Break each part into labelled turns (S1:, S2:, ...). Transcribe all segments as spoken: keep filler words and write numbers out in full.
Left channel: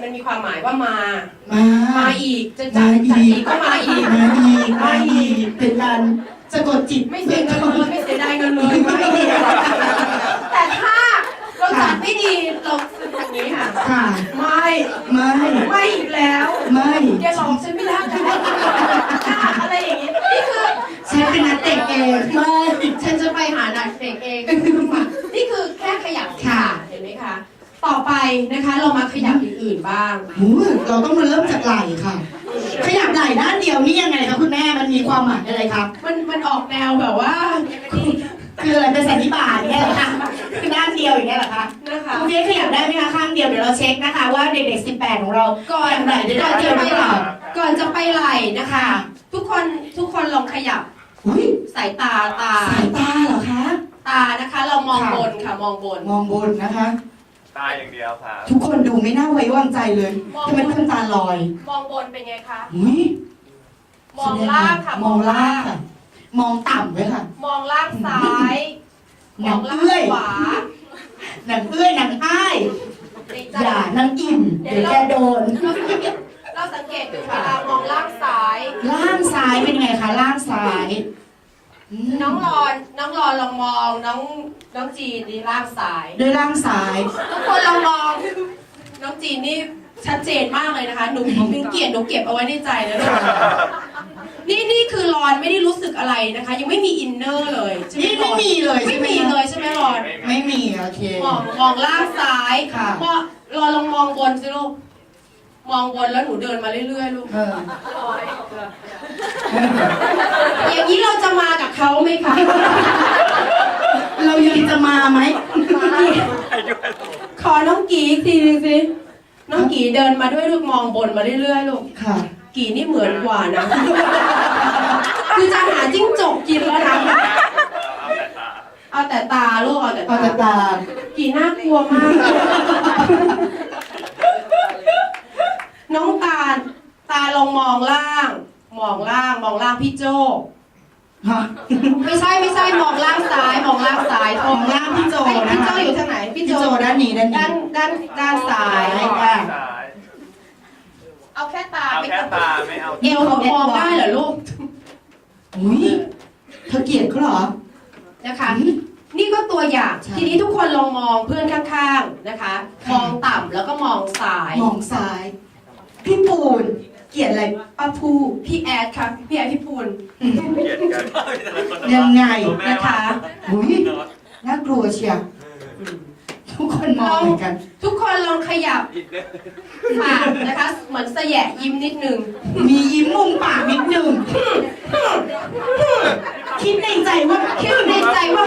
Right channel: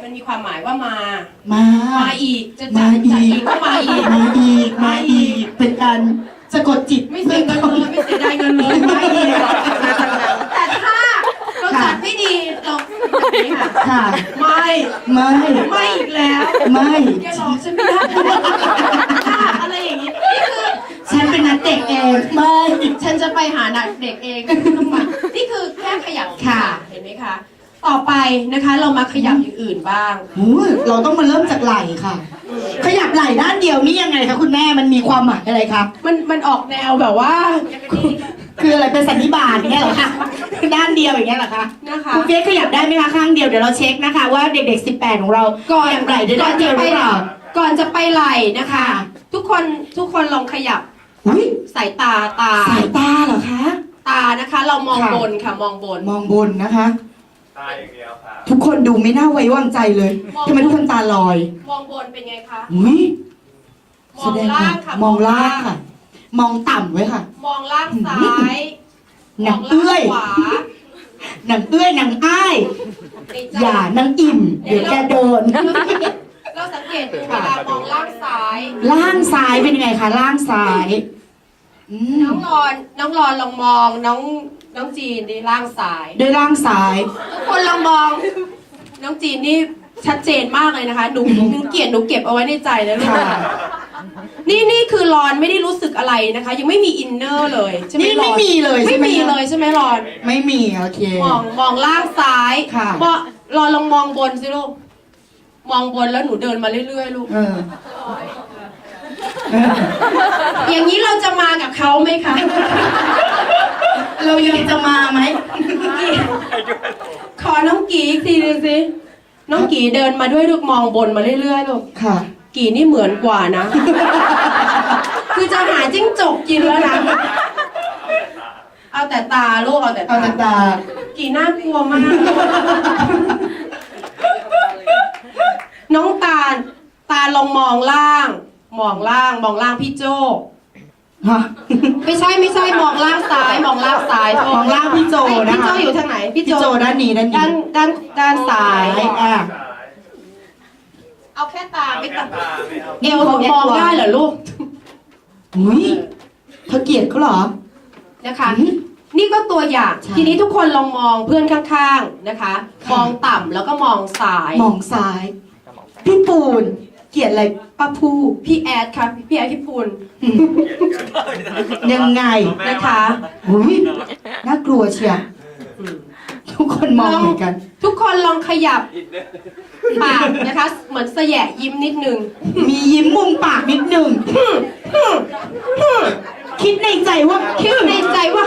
S1: มันมีความหมายว่ามา
S2: มา
S1: มาอีก จะ
S2: มา
S1: จัด
S2: อี
S1: จัด
S2: ก
S1: อีกก็มาอีก
S2: มาอีกมาอีกเป็นการสะกดจิต
S1: ไม่เสียเงินเลยไม่เสียดายเงินเลยมาอีกแต่ถ้าเราจัดไม่ดีเราแบบนี้ค่ะ
S2: ค่ะ
S1: ไม่
S2: ไม่
S1: ไม่อีกแล้ว
S2: ไม่
S1: แกหลอกฉันไม่ได้อะไรอย่างนี้นี่คือ
S2: ฉันเป็นนักเตะเองไม่
S1: ฉันจะไปหานักเด็กเองนี่คือแค่ขยับ
S2: ค่ะ
S1: เห็นไหมคะ ต่อไปนะคะเรามาขยับอย่างอื่นบ้าง
S2: หูเราต้องมาเริ่มจากไหล่ค่ะ ขยับไหล่ด้านเดียวนี่ยังไงคะคุณแม่มันมีความหมายอะไรครับ
S1: มันมันออกแนวแบบว่า
S2: คืออะไรเป็นสันนิบาตอย่างเงี้ยเหรอคะคือด้านเดียวอย่างเงี้ยเหรอคะ
S1: นะคะ
S2: คุณเฟียสขยับได้ไหมคะข้างเดียวเดี๋ยวเราเช็คนะคะ ว่าเด็กๆสิบแปดของเรา
S1: ก่อน
S2: ขยับไหล่ได้
S1: ก่อ
S2: ด้าน นเดี
S1: จะ
S2: ยวห
S1: ไป
S2: รือ
S1: ไห
S2: เป
S1: ล่
S2: ล่า
S1: ก่อนจะไปไหล่นะคะ ทุกคนทุกคนลองขยับ
S2: อุ้ย
S1: สายตาตา
S2: สายตาเหรอคะ
S1: ตานะคะ เรามอง
S2: ค่ะ
S1: บนค่ะมองบน
S2: มองบนนะคะ
S3: ตายอย่างเดียวครับ
S2: ทุกคนดูไม่น่าไว้วางใจเลยทำไมทุกคนตาลอย
S1: มองบนเป็นไงคะ
S2: อุ้ย
S1: มองล่างค่ะ
S2: มองล่างค่ะ มองต่ำไว้ค่ะ
S1: มองล่างซ้าย
S2: หนังเอื้อย
S1: มงล่างขวา
S2: หนังเอื้อยหนังอ้าย
S1: ในใจ
S2: อย่านังอิ่มเดี๋ยวแกโดน
S1: เราสังเกตดูเวลามองล่างซ้าย
S2: ล่างซ้ายเป็นยังไงคะล่างซ้ายอืม
S1: น้องรอนน้องรอนลองมองน้องน้องจีนนี่ล่างซ้าย
S2: ด้วยล่างซ้าย
S1: ทุกคนลองมองน้องจีนนี่ชัดเจนมากเลยนะคะหนูหนูเกลียดหนูเก็บเอาไว้ในใจแล้วเลยนี่นี่คือรอนไม่ได้รู้สึกอะไรนะคะ ยังไม่มีอินเนอร์เลยใช่ไหม
S2: นี่
S1: ร
S2: ไม่
S1: อน
S2: มีเลย
S1: ไม่
S2: ใช่ไหม
S1: มีเลยใช่ไหมรอน
S2: ไม่มีโอเค
S1: มองมองล่างซ้าย
S2: ค่ะ
S1: มองรอนลองมองบนสิลูกมองบนแล้วหนูเดินมาเรื่อยๆลูก
S2: เออ
S1: อย่างนี้เราจะมากับเขาไหมคะ
S2: เรายังจะมาไหม
S3: ให้ด้วย
S1: ขอน้องกีอีกทีหนึงสิน้องกีเดินมาด้วยลูกมองบนมาเรื่อยๆลูก
S2: ค่ะ
S1: กีนี่เหมือนกว่านะ คือจะหาจิ้งจกกินแล้วนะ
S3: เอาแต่ตา
S1: เอาแต่ตาลูกเอาแต่
S2: เอาแต่
S1: ตา
S2: ตา
S1: กีน่ากลัวมาก น้องตาลตาลองมองล่าง มองล่าง มองล่างพี่โจ
S2: ฮะ
S1: ไม่ใช่ไม่ใช่มองล่างซ้าย มองล่างซ้าย
S2: มองล่างพี่โจ
S1: เอ้ย
S2: นะ
S1: พี่โจ
S2: คะ
S1: อยู่ทางไหนพี่
S2: พี่
S1: โจ
S2: โจด้านนี้ด้าน
S1: ด้า
S2: นี้
S1: นด้านด้านซ้าย
S2: อ่ะ
S3: ซ้าย
S1: เอาแค่ตา
S3: เอา
S1: ไม่
S3: แค่
S1: ต้อง
S3: ตาไม่เอา
S1: เอวเขามองได้เหรอลูก
S2: อุ้ยเธอเกลียดเขาเหรอ
S1: นะคะ นี่ก็ตัวอย่าง
S2: ใช่
S1: ทีนี้ทุกคนลองมองเพื่อนข้างๆนะคะ
S2: ค่ะ
S1: มองต่ำแล้วก็มองซ้าย
S2: มองซ้าย พี่ปูน เกลียดอะไรป้าพู
S1: พี่แอดค่ะพี่แอดพี่พูน
S2: อืม
S3: เกลียดกัน
S2: ยังไง
S1: นะคะ
S2: อุ้ยน่ากลัวเชียว
S1: อืม
S2: ทุกคนมองเหมือนกัน
S1: ทุกคนลองขยับ
S3: อินเนอร์
S1: ปากนะคะ เหมือนแสยะยิ้มนิดนึง
S2: มียิ้มมุมปากนิดหนึ่งคิดในใจว่า
S1: คิดในใจว่า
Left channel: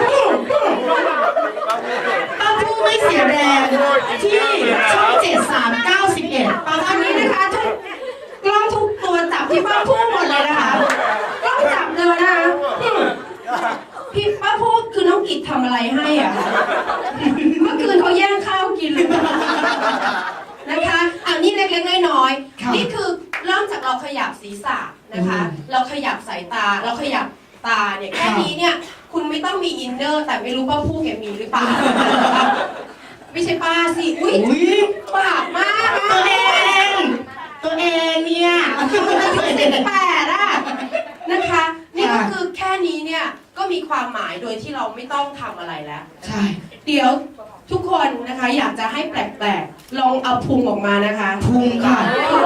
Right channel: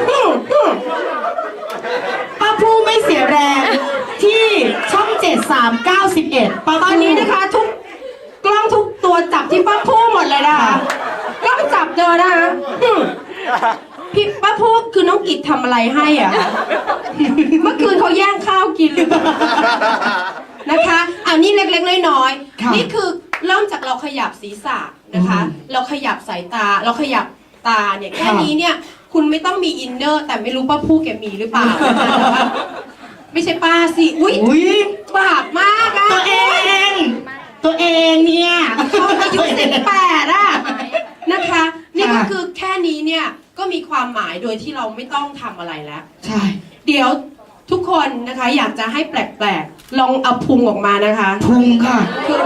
S2: ป้าพูไม่เสียแรงที่ช่องเจ็ดสามเก้าสิบเอ็ดป้า
S1: ตอนนี้นะคะทุกกล้องทุกตัวจับที่ป้าพูหมดเลยนะคะกล้องจับเดินนะคะพี่ป้าพูคือน้องกิจทำอะไรให้อ่ะ เมื่อคืนเขาแย่งข้าวกินเลยนะคะอันนี้เล็กๆน้อยๆนี่คือเริ่มจากเราขยับศีรษะนะคะ เราขยับสายตา เราขยับตาเนี่ยแค่นี้เนี่ย คุณไม่ต้องมีอินเนอร์ แต่ไม่รู้ป้าพูแกมีหรือเปล่านะคะไม่ใช่ป้าสิอุ้ย
S2: อุ้ย
S1: บาปมากอะ
S2: ตัวเอง ตัวเองเนี่ย
S1: เขาอายุสิบแปดอะนะคะ นี่ก็
S2: ค่ะ
S1: คือแค่นี้เนี่ยก็มีความหมายโดยที่เราไม่ต้องทำอะไรแล้ว
S2: ใช่
S1: เดี๋ยวทุกคนนะคะอยากจะให้แปลกๆ ลองเอาพุงออกมานะคะ
S2: พุงค่ะ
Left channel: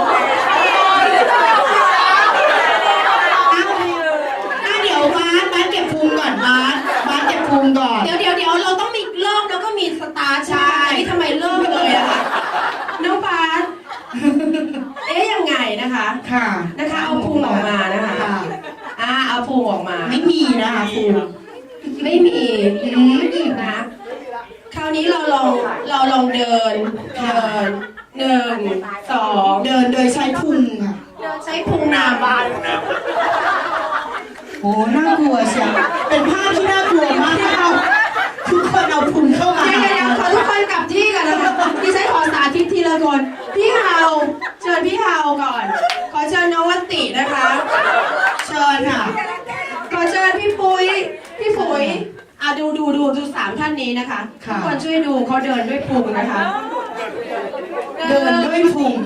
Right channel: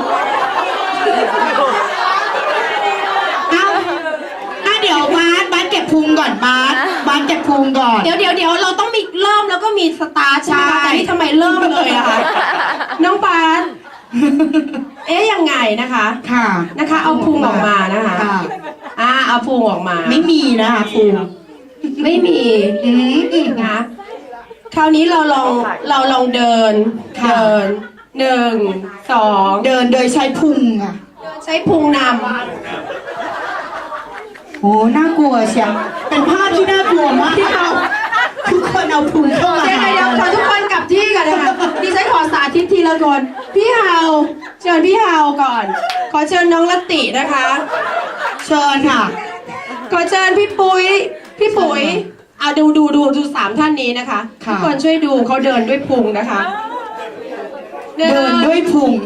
S2: เอาอ่ะเดี๋ยวบาสบาสเก็บพุงก่อนบาสบาสเก็บพุงก่อน
S1: เดี๋ยวเดี๋ยวเดี๋ยวเราต้องมีเริ่มแล้วก็มีสตาร์ทใช่ไหม
S2: ใช่
S1: แต่นี่ทำไมเริ่มเลยอะคะน้องบาสเอ๊ยยังไงนะคะ
S2: ค่ะ
S1: นะคะ เอาพุงออกมานะคะ
S2: ค่ะ
S1: อ่าเอาพุงออกมา
S2: ไม่มีนะคะพุง
S1: ไม่มี
S2: อืม
S1: นะคราวนี้เราลองเราลองเดิน
S2: ค่ะ
S1: เดินหนึ่งสอง
S2: เดินโดยใช้พุงค่ะ
S1: ใช้พุงน
S2: โอ้น่ากลัวเชียวเป็นภาพที่น่ากลัวมากที่เราทุกคนเอาพุงเข้า
S1: ำ
S2: มา
S1: เดี๋ยวเดี๋ยวขอทุกคนกลับที่กันนะคะดิฉันขอสาธิตทีละคนพี่เฮาเชิญพี่เฮาก่อน ขอเชิญน้องลตินะคะ
S2: เชิญค่ะ
S1: ขอเชิญพี่ปุ้ยพี่ปุ๋ยอ่ะดูดูดูดูสามท่านนี้นะคะ
S2: ค่ะ
S1: ทุกคนช่วยดูเขาเดินด้วยพุงนะคะ
S2: เดินด้วยพุง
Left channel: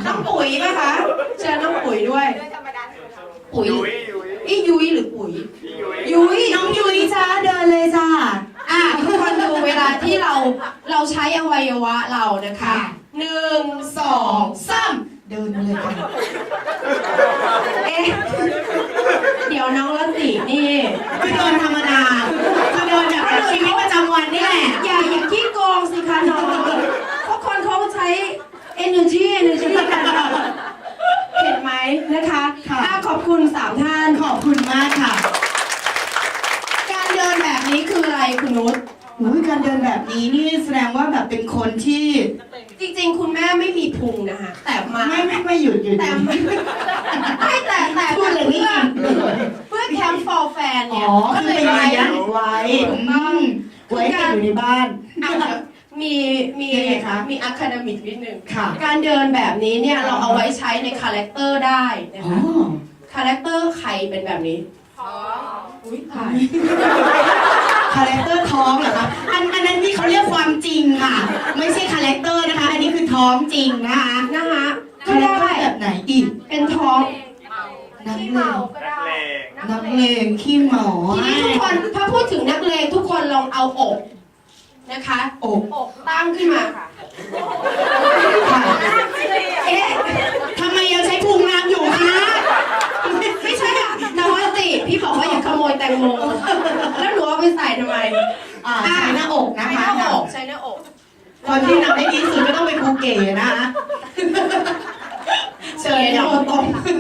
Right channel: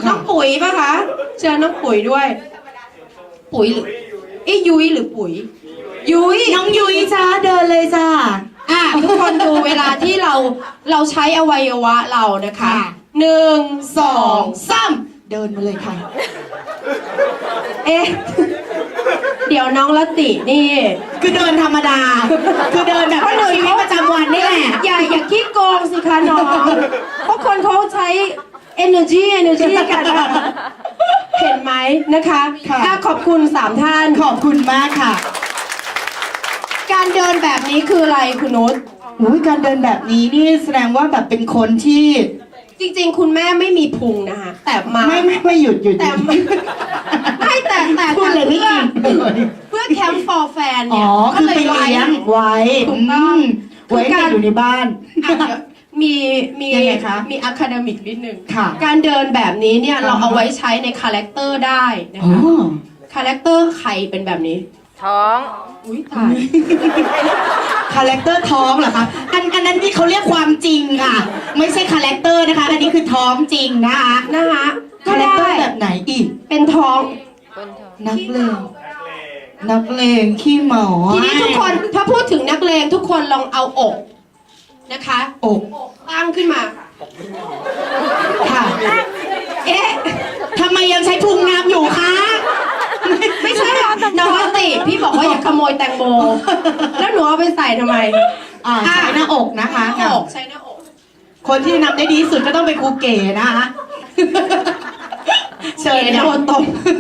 S1: ยป่ะคะเชิญน้องปุ๋ยด้วย ปุ๋ยไอ้ยุ้ยหรือปุ๋ย ยุ้ย
S2: น้องยุ้ยจ้าเดินเลยจ้า
S1: อ่ะทุกคนดูเวลาที่เราเราใช้อวัยวะเรานะคะหนึ่งสองสาม
S2: เดินมาเลยค่ะ
S1: เอ๊ะเดี๋ยวน้องละตินี่
S2: คือเดินธรรมดาคือเดินแบบชีวิตประจำวันนี่แหละ
S1: อย่าอย่าขี้โกงสิคะน้องเพราะคนเขาใช้ energy energy กันอะเห็นไหมนะคะ
S2: ค่ะ
S1: อ่ะขอบคุณสามท่าน
S2: ขอบคุณมากค่ะ
S1: การเดินแบบนี้คืออะไรคุณนุช
S2: โอ้ยการเดินแบบนี้นี่แสดงว่าแบบเป็นคนที่
S1: จริงๆ คุณแม่ไม่มีพุงนะคะแต่มา
S2: ไม่ไม่ไม่หยุดหยุด
S1: แต่ไม่ไม่แต่แต่
S2: พูดเลยไม่
S1: เพื่อ
S2: จริงเลย
S1: เพื่อแคมป์ for fan
S2: อ๋
S1: เนี่
S2: อย คือไป
S1: ก็
S2: เลี้ยงไว้
S1: ถูกต้อง
S2: อืมไว้ให้อยู่ในบ้าน
S1: อ่ะเดี๋ยวมีมี
S2: ยังไงคะ
S1: มีอะคาเดมิกนิดนึง
S2: ค่ะ
S1: การเดินแบบนี้เนี่ย
S2: อ่า
S1: เราเอาไว้ใช้ในคาแรคเตอร์ได้นะ
S2: อ๋อ
S1: คะคาแรคเตอร์ใครเป็นแบบนี้
S4: ท้อง
S1: อุ้ยตาย
S2: คาแรคเตอร์ท้องเหรอคะอันอันนั้นที่เขาเรียกความจริงค่ะ ไม่ใช่คาแรคเตอร์นะคะ อันนี้คือท้องจริงนะคะ
S1: นะคะก็
S2: คาแรคเตอ
S1: ได้
S2: ร์แบบไหนอีก
S1: เป็นท้อง
S2: นักเลง
S3: นักเลง
S2: นักเลงขี้เหมา
S1: ทีนี้ทุกคนถ้าพูดถึงนักเลงทุกคนลองเอาอกนะคะ
S2: อก
S1: อกตั้งขึ้นมาค่ะ
S2: ค่ะ
S1: เอ๊ะ
S2: ทำไมยังใช้พุงน้ำอยู่คะ
S1: ไม่ใช่อะน้องติพี่บอกว่าอย่าขโมยแตงโม แล้วหนูเอาไปใส่ทำไม
S2: อ่าใช้หน้าอกนะคะ
S1: ใช้หน้าอกใช้หน้าอก
S2: คนที่นับได้ดีที่สุดก็ต้องเป็นครูเก๋นะคะ เชิญ
S1: เดี๋
S2: ห
S1: ย
S2: น้าว อก
S1: ตรง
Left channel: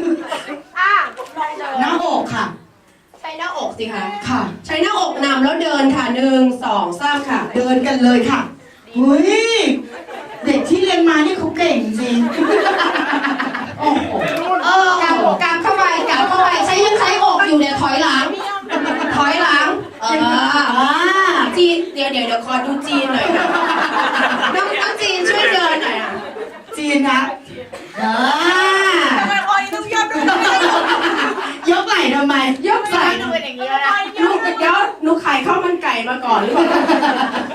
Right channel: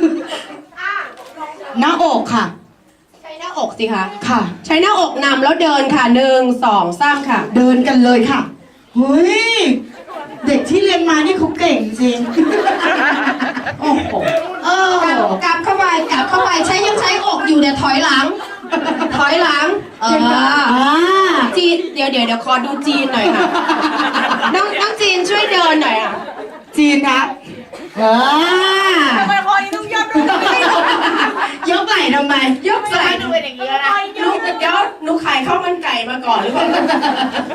S2: หน้าอกค่ะ
S1: ใช้หน้าอกสิคะ
S2: ค่ะ
S1: ใช้หน้าอกนำแล้วเดินค่ะหนึ่งสองสามค่ะ
S2: เดินกันเลยค่ะเฮ้ยเด็กที่เรียนมานี่เขาเก่งจริง โอ้โหเออก
S1: างกางเข้าไปกางเข้าไปใช้ยังใช้อกอยู่เนี่ยถอยหลัง ถอยหลัง เออ
S2: อ่า
S1: จีนเดี๋ยวเดี๋ยวเดี๋ยวขอดูจีนหน่อยค่ะน้องน้องจีนช่วยเดินหน่อยอ่ะ
S2: จีนคะอ่า
S4: ทำไมคอนี้ต้องยอดด้วย
S2: ยกไหล่ทำไม
S1: ยกใส่
S4: ดูเป็นอย่างนี้แล้วนะ
S1: ลูกเดี๋ยวหนูขายข้าวมันไก่มาก่อนหรือเปล่า